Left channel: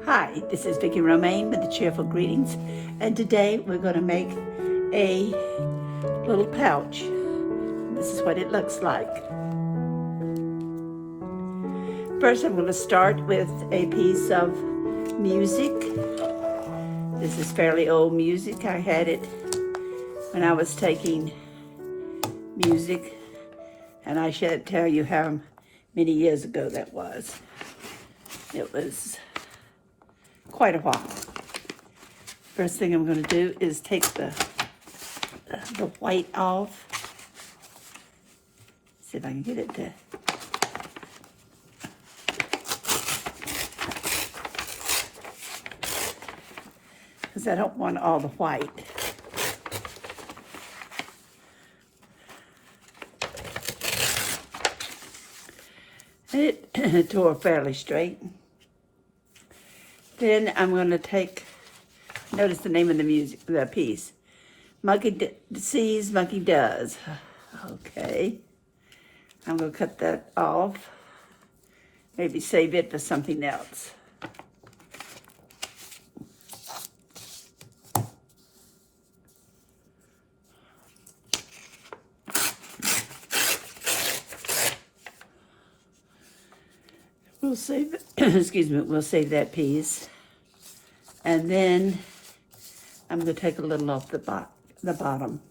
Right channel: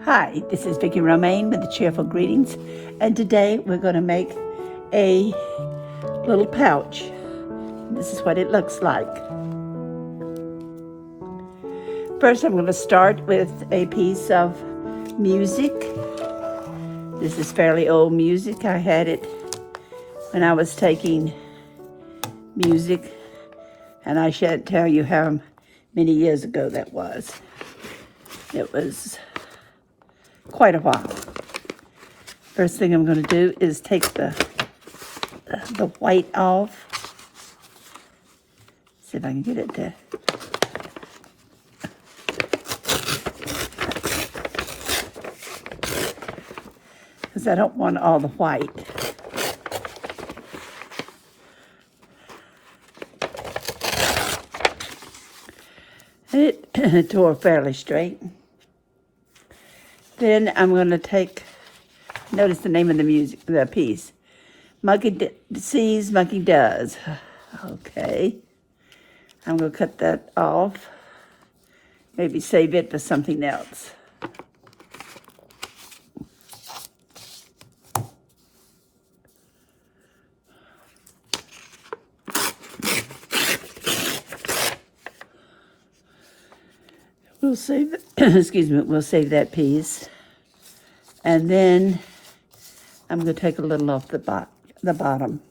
Hi, this is Vicki Romaine with the Cheerful Greetings, and today we're going to make a little pouch. This is what it looks like. First, I'm going to start with a piece of music. This is fairly old music. I had it when I was taking music, and I shan't tell you how many years ago that was. It was quite a while. First thing I'm going to do is take the white off. See if I can get it to. Because I don't want all the white. It tore fairly straight. Then I'm going to take, notice the name of the piece. Monkey sees, monkey does. Okay. I'm going to cut that off. Maybe save it for something else. We'll save it, excuse me, we'll save that piece. And then I'm going to take a little off the bottom.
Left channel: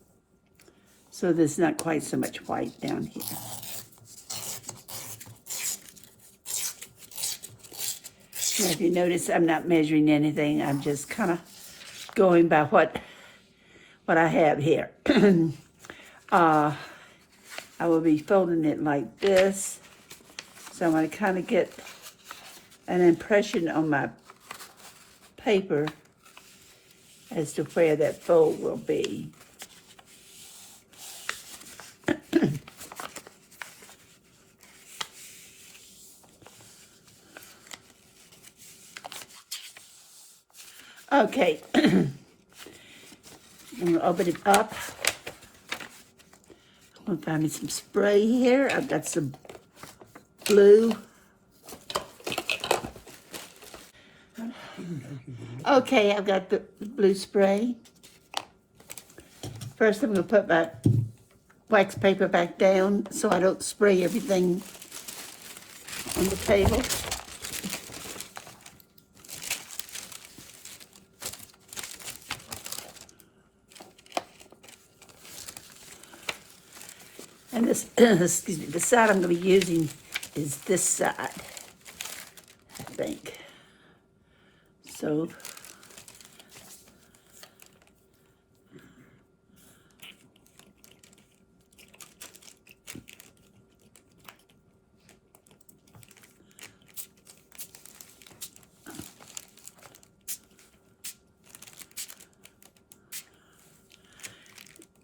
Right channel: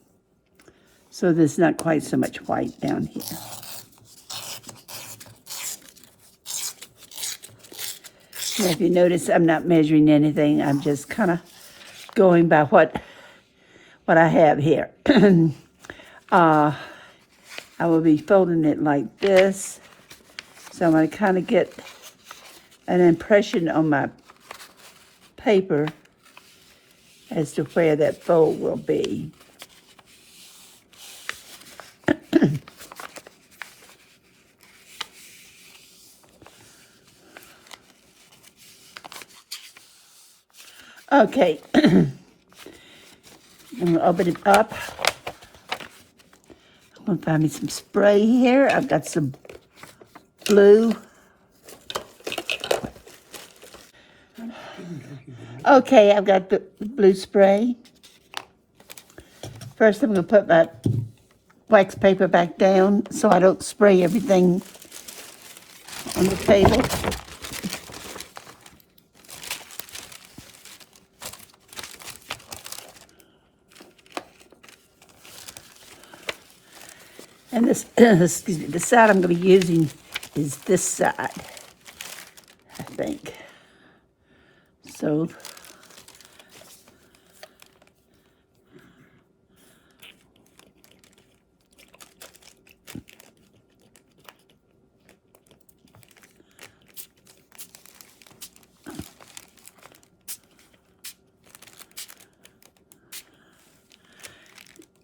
So there's not quite so much white down here. Now, if you notice, I'm not measuring anything. I'm just kind of going by what I have here. I will be folding it like this. So I'm going to kind of get an impression on my paper as to where that fold will be. Okay, I'm going to open it up. I'm going to find me some spray here. I've got some blue. Okay, I've got the blue spray. First, I'm going to put my wax paper back down so I don't spray everything on the table. And this, excuse me, the side I'm going to be using is this side, I think. So,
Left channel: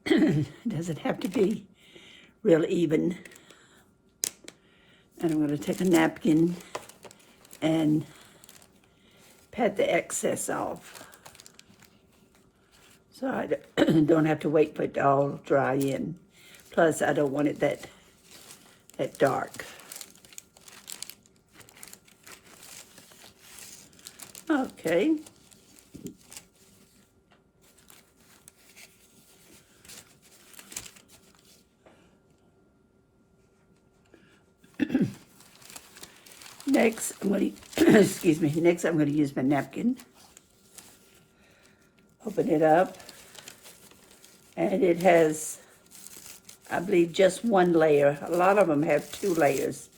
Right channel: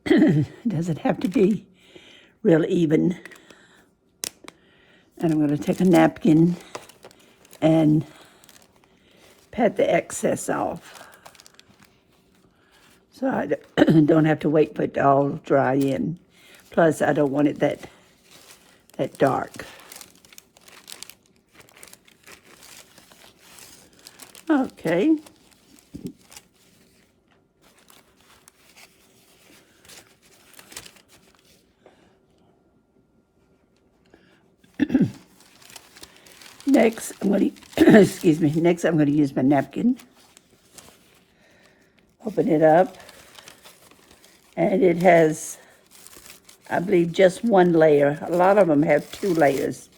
it doesn't have to be real even. And I'm going to take a napkin and pat the excess off. So I don't have to wait for it to all dry in. Plus, I don't want it that dark. Okay. Next, I'm going to, excuse me, next I'm going to use my napkin. Open it up. And it has, I believe, just one layer. A lot of them have 2 layers.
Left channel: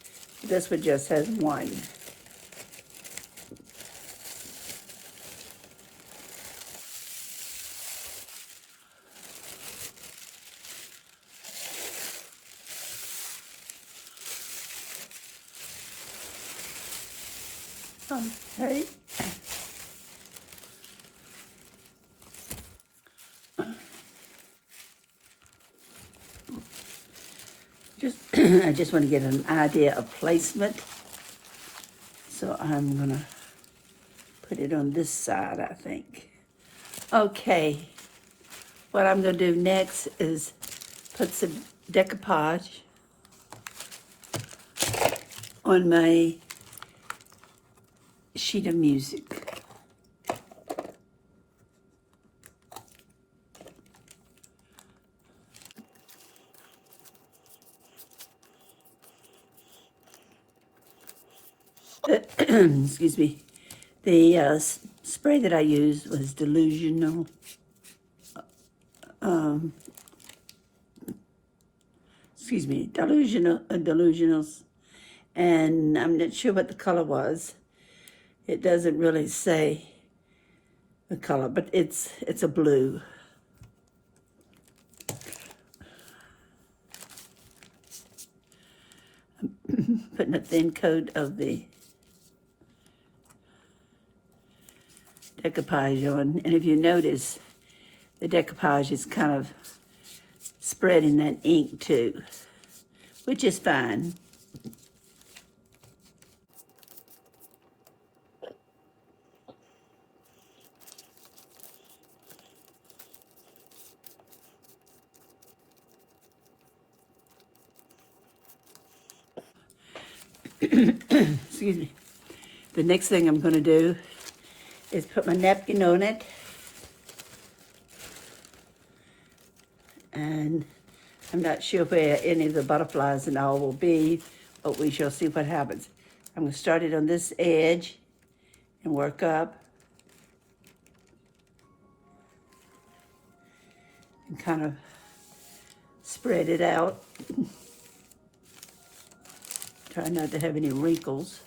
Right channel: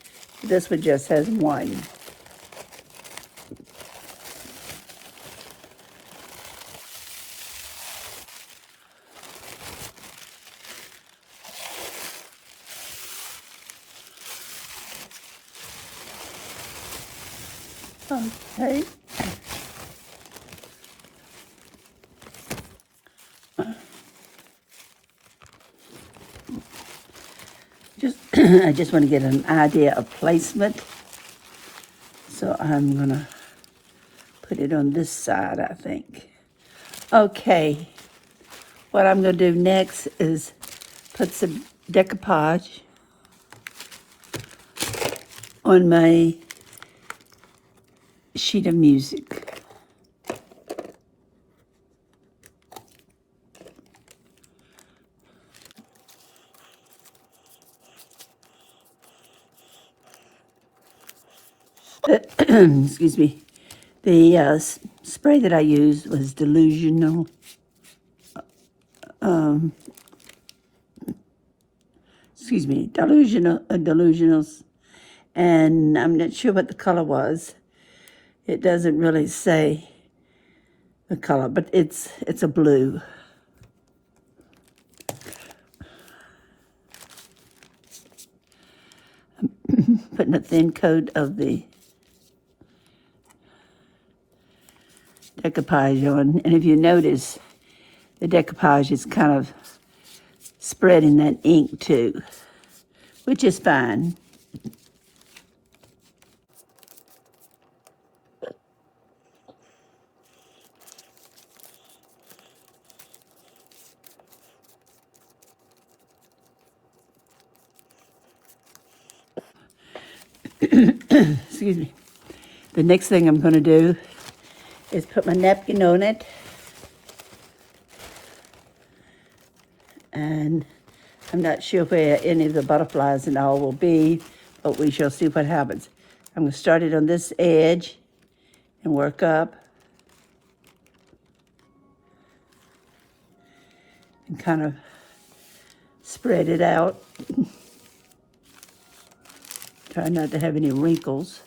This one just has 1. Okay. I just want to get an idea of placement. So I'm going to put it on this side, I think. Okay. What I'm going to do next is put some decoupage on my sheet of music. Excuse me. The spray that I used was delusional. Delusionals. And I'm not sure what the color was. It doesn't really say the color, but it's a blue. I'm putting a thin coat of the decoupage on, and if you notice, the decoupage is kind of spreading that ink too, which is fine. Excuse me. The next thing I'm going to do is put my napkin on it. And I'm not sure where any of the butterflies and all will be, but we shall see what happens. I'm going to start it on this edge and work up. And kind of spread it out. Try not to have any wrinkles.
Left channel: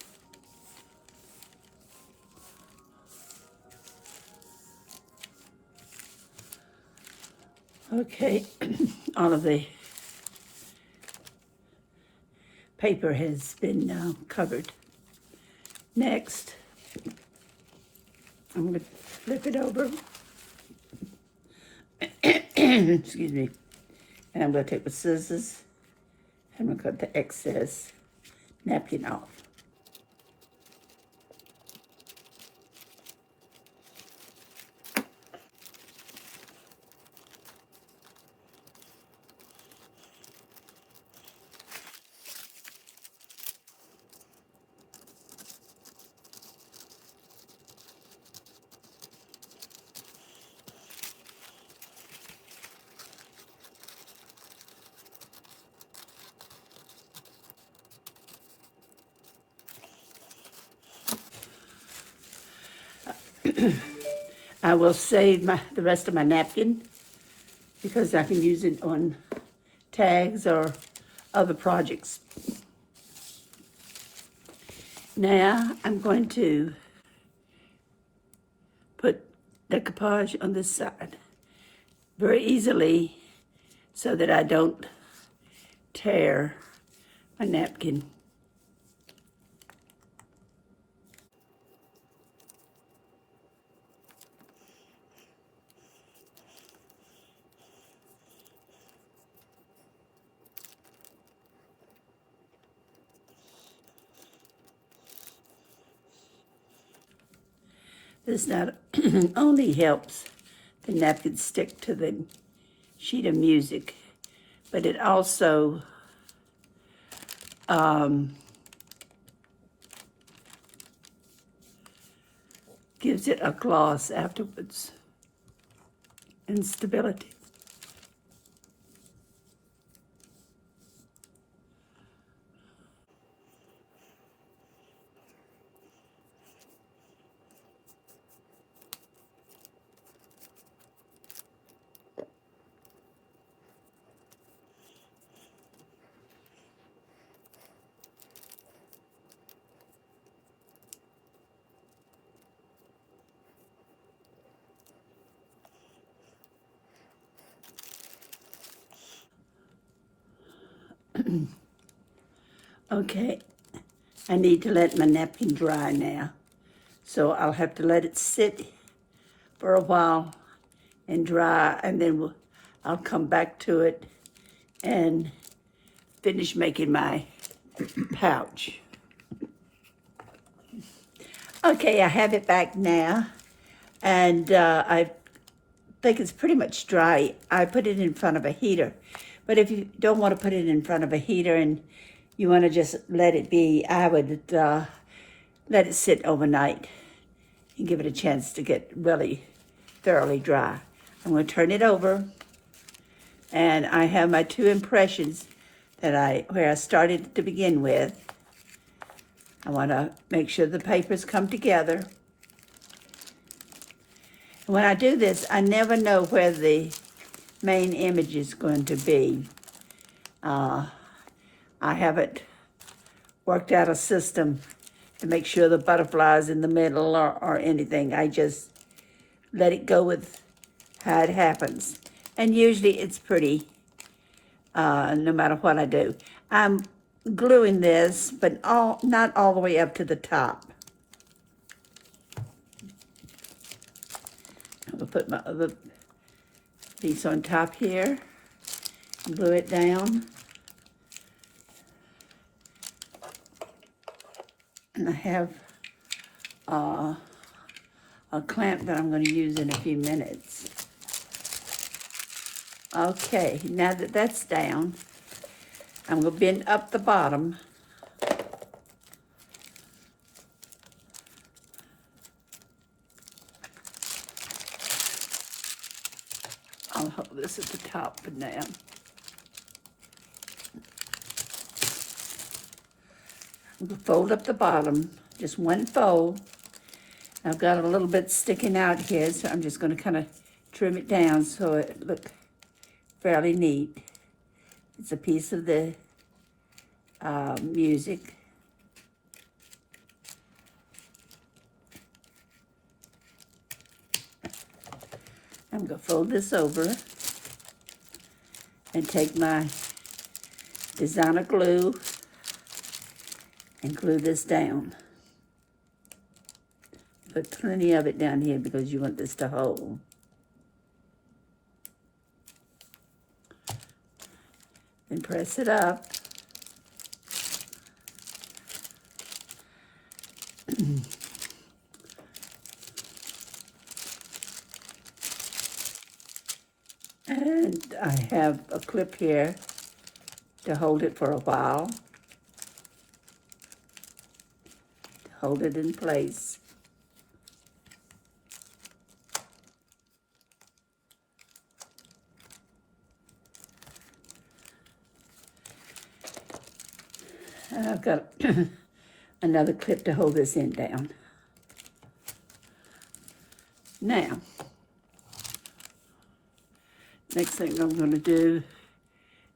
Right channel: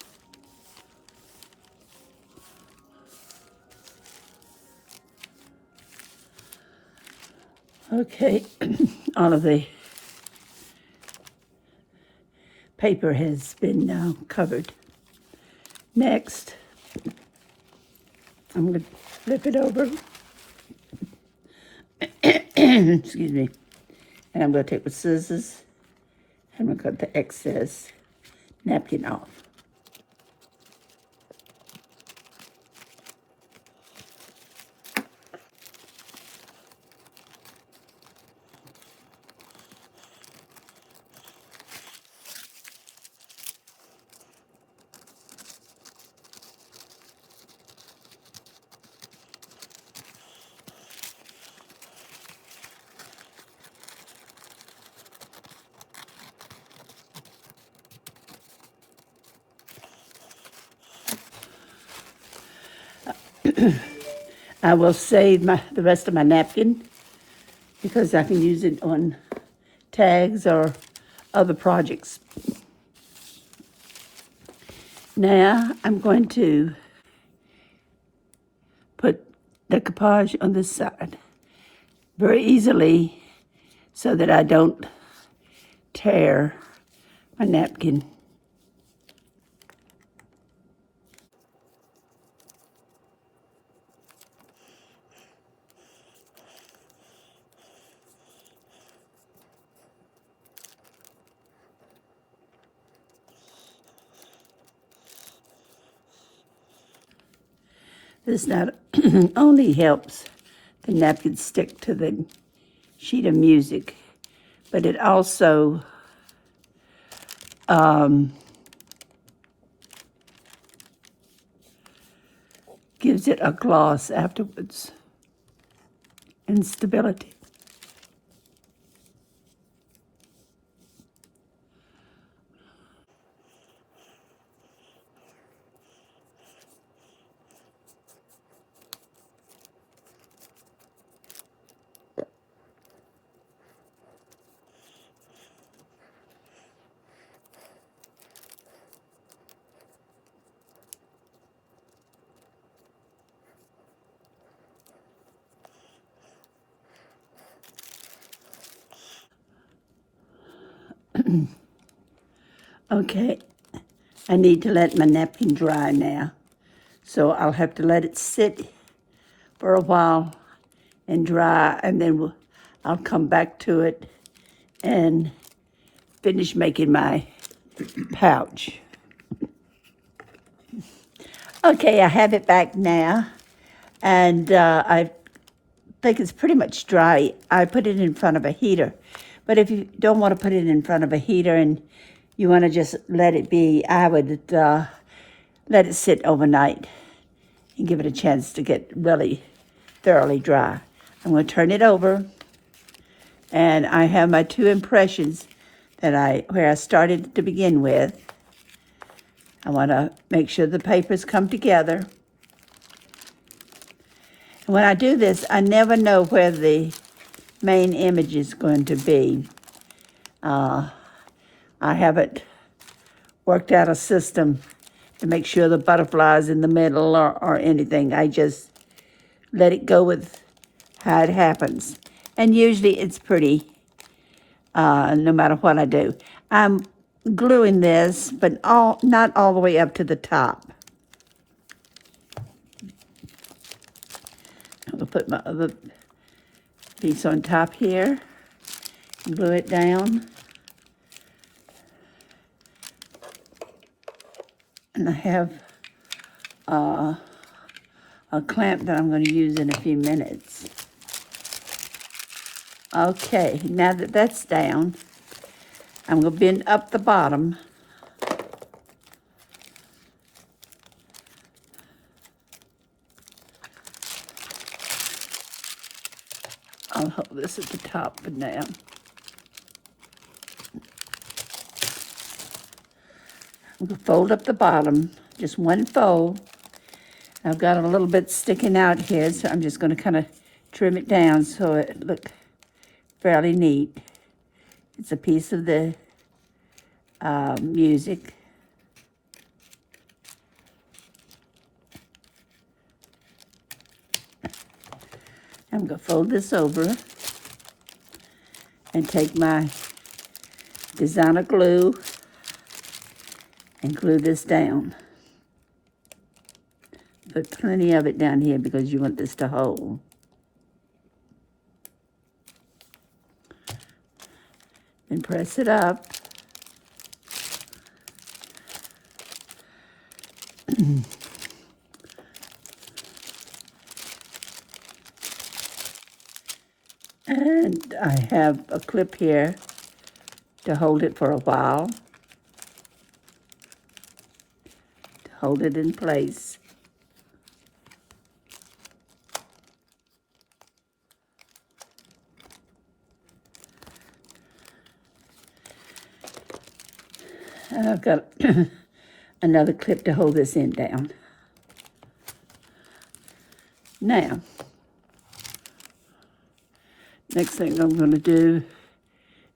Okay, all of the paper has been now covered. Next, I'm going to flip it over. Excuse me. And I'm going to take the scissors and I'm going to cut the excess napkin off. I will save the rest of my napkin because I can use it on tags or other projects. Now I'm going to put decoupage on this side very easily so that I don't tear my napkin. This not only helps the napkin stick to the sheet of music, but it also gives it a gloss afterwards and stability. Okay, I need to let my napkin dry now. So I'll have to let it sit for a while and dry, and then I'll come back to it and finish making my pouch. Okay, I have it back now, and I think it's pretty much dry. I put it in front of a heater, but if you don't want to put it in front of a heater and you want to just let it be, I would let it sit overnight and give it a chance to get really thoroughly dry. I'm going to turn it over, and I have my two impressions where I started to begin with. I want to make sure the papers come together. And when I do this, I never know where the main image is going to be. I haven't worked out a system to make sure the butterfly's in the middle or anything. I just let it go with how it happens. And usually it's pretty, no matter what I do. I'm gluing this, but not all the way up to the top. I'm gonna put my other piece on top here and glue it down. And I have a clamp that I'm going to use in a few minutes. Okay, now that that's down, I'm going to bend up the bottom. I'll hold this at the top for now. I'm going to fold up the bottom, just one fold. I've got a little bit sticking out here, so I'm just going to kind of trim it down so it looks fairly neat. It's a piece of the music. I'm going to fold this over and take my designer glue and glue this down. Put plenty of it down here because you want this to hold. Then press it up. And I have a clip here to hold it for a while. To hold it in place. And I've got another clip to hold this end down. Now, next thing I'm going to do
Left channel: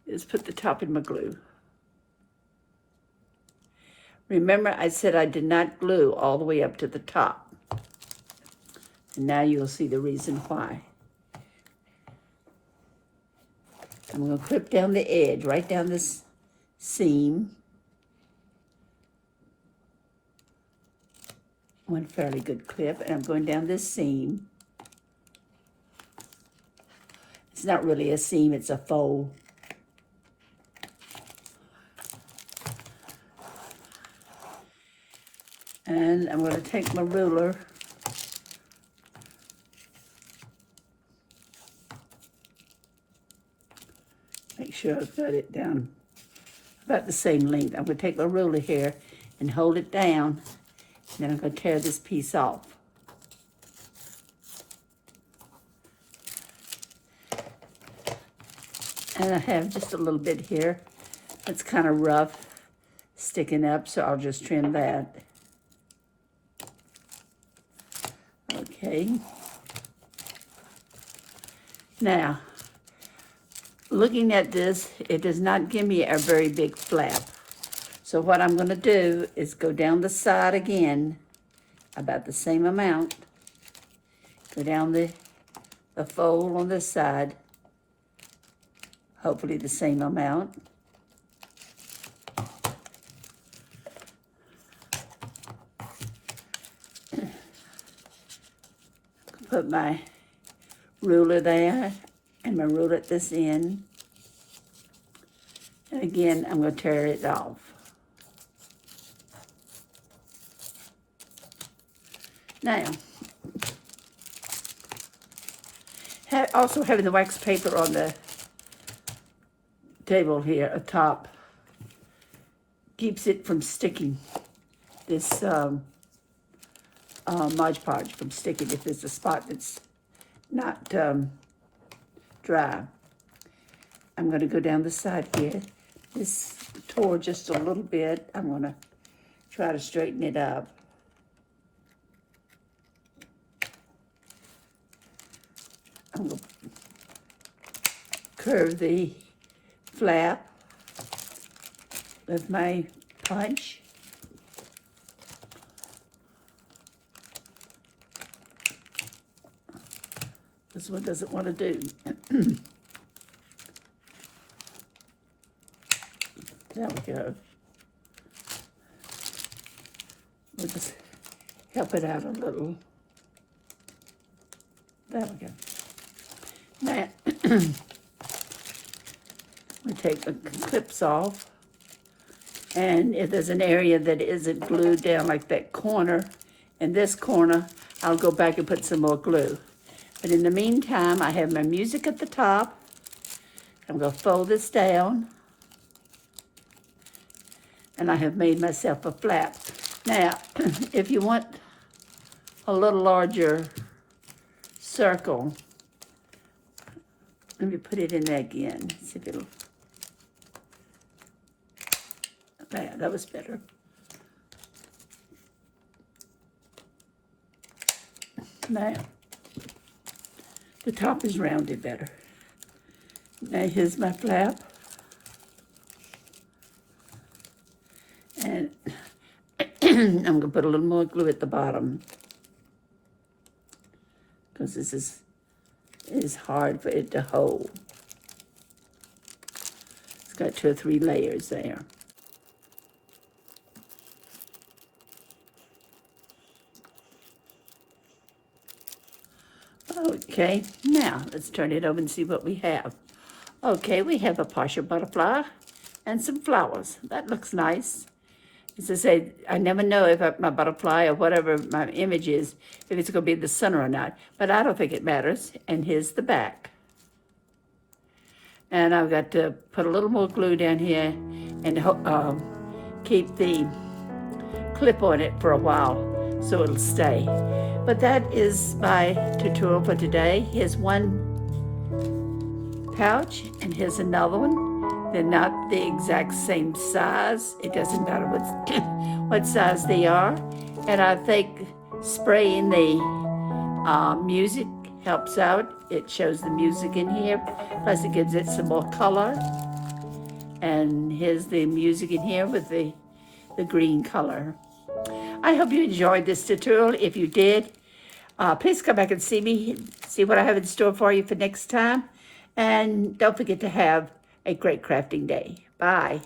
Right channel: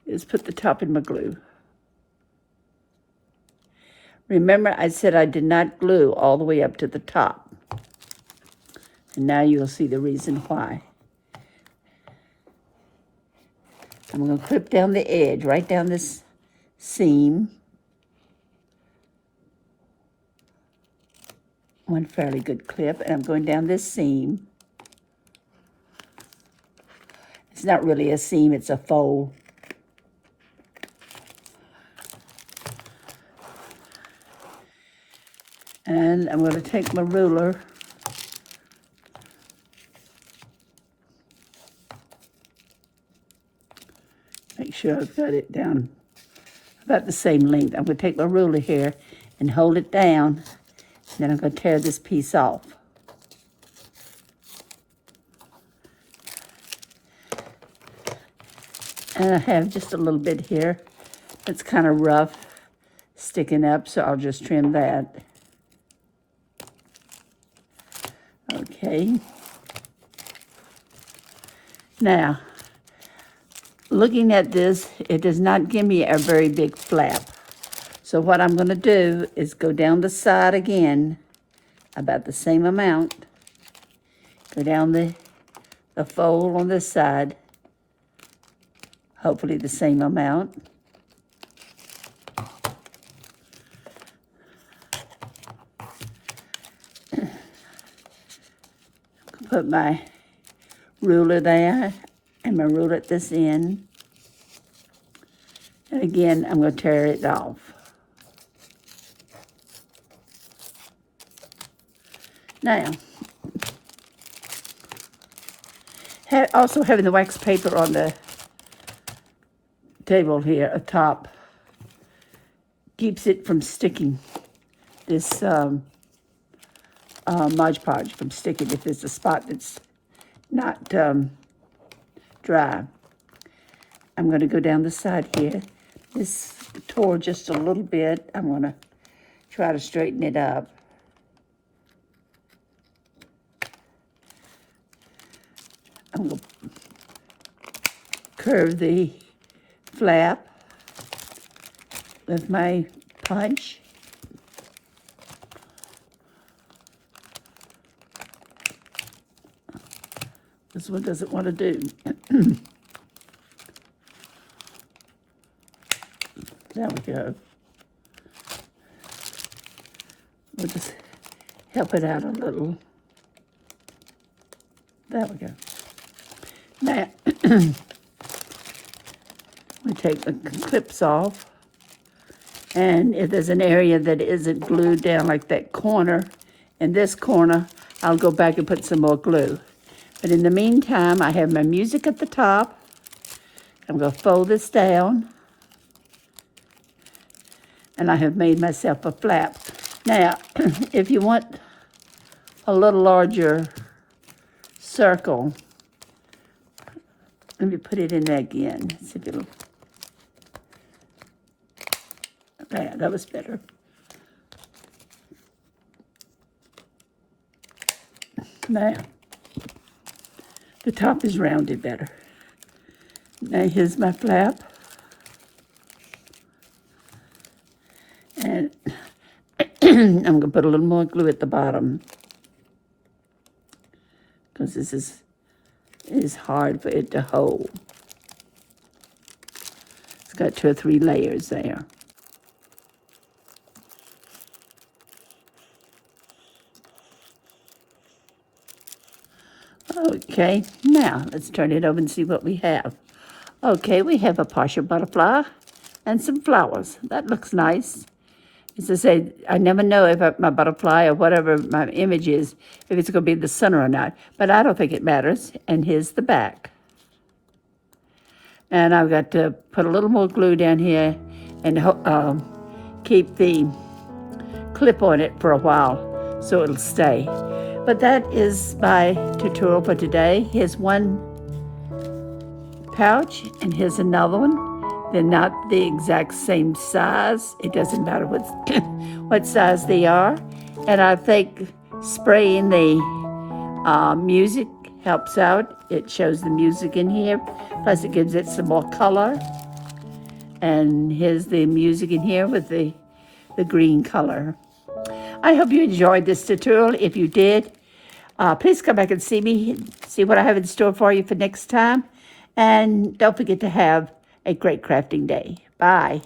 is put the top in my glue. Remember, I said I did not glue all the way up to the top. And now you'll see the reason why. I'm going to clip down the edge, right down this seam. One fairly good clip, and I'm going down this seam. It's not really a seam, it's a fold. And I'm going to take my ruler make sure I've got it down about the same length. I'm going to take my ruler here and hold it down. Then I'm going to tear this piece off. And I have just a little bit here that's kind of rough, sticking up, so I'll just trim that. Okay. Now, looking at this, it does not give me a very big flap. So what I'm going to do is go down the side again, about the same amount. Go down the fold on this side, hopefully the same amount. Put my ruler there and my ruler at this end. And again, I'm going to tear it off. Now, also having the wax paper on the table here atop keeps it from sticking. This Mod Podge from sticking if there's a spot that's not dry. I'm going to go down the side here. This tore just a little bit. I'm going to try to straighten it up. I'm going to curve the flap with my punch. This one doesn't want to do. There we go. We'll just help it out a little. There we go. Now, we take the clips off. And if there's an area that isn't glued down, like that corner, in this corner, I'll go back and put some more glue. But in the meantime, I have my music at the top. I'm going to fold this down. And I have made myself a flap. Now, if you want a little larger circle, let me put it in there again. See if it'll. There, that was better. Now, the top is rounded better. Now here's my flap. And I'm going to put a little more glue at the bottom, because this is hard for it to hold. It's got 2 or 3 layers there. Okay, now let's turn it over and see what we have. Okay, we have a partial butterfly and some flowers. That looks nice. As I say, I never know if my butterfly or whatever my image is, if it's going to be the center or not. But I don't think it matters. And here's the back. And I've got to put a little more glue down here and keep the clip on it for a while so it'll stay. But that is my tutorial for today. Here's one pouch and here's another one. They're not the exact same size. It doesn't matter what size they are. And I think spraying the music helps out. It shows the music in here. Plus it gives it some more color. And here's the music in here with the green color. I hope you enjoyed this tutorial. If you did, please come back and see what I have in store for you for next time. And don't forget to have a great crafting day. Bye.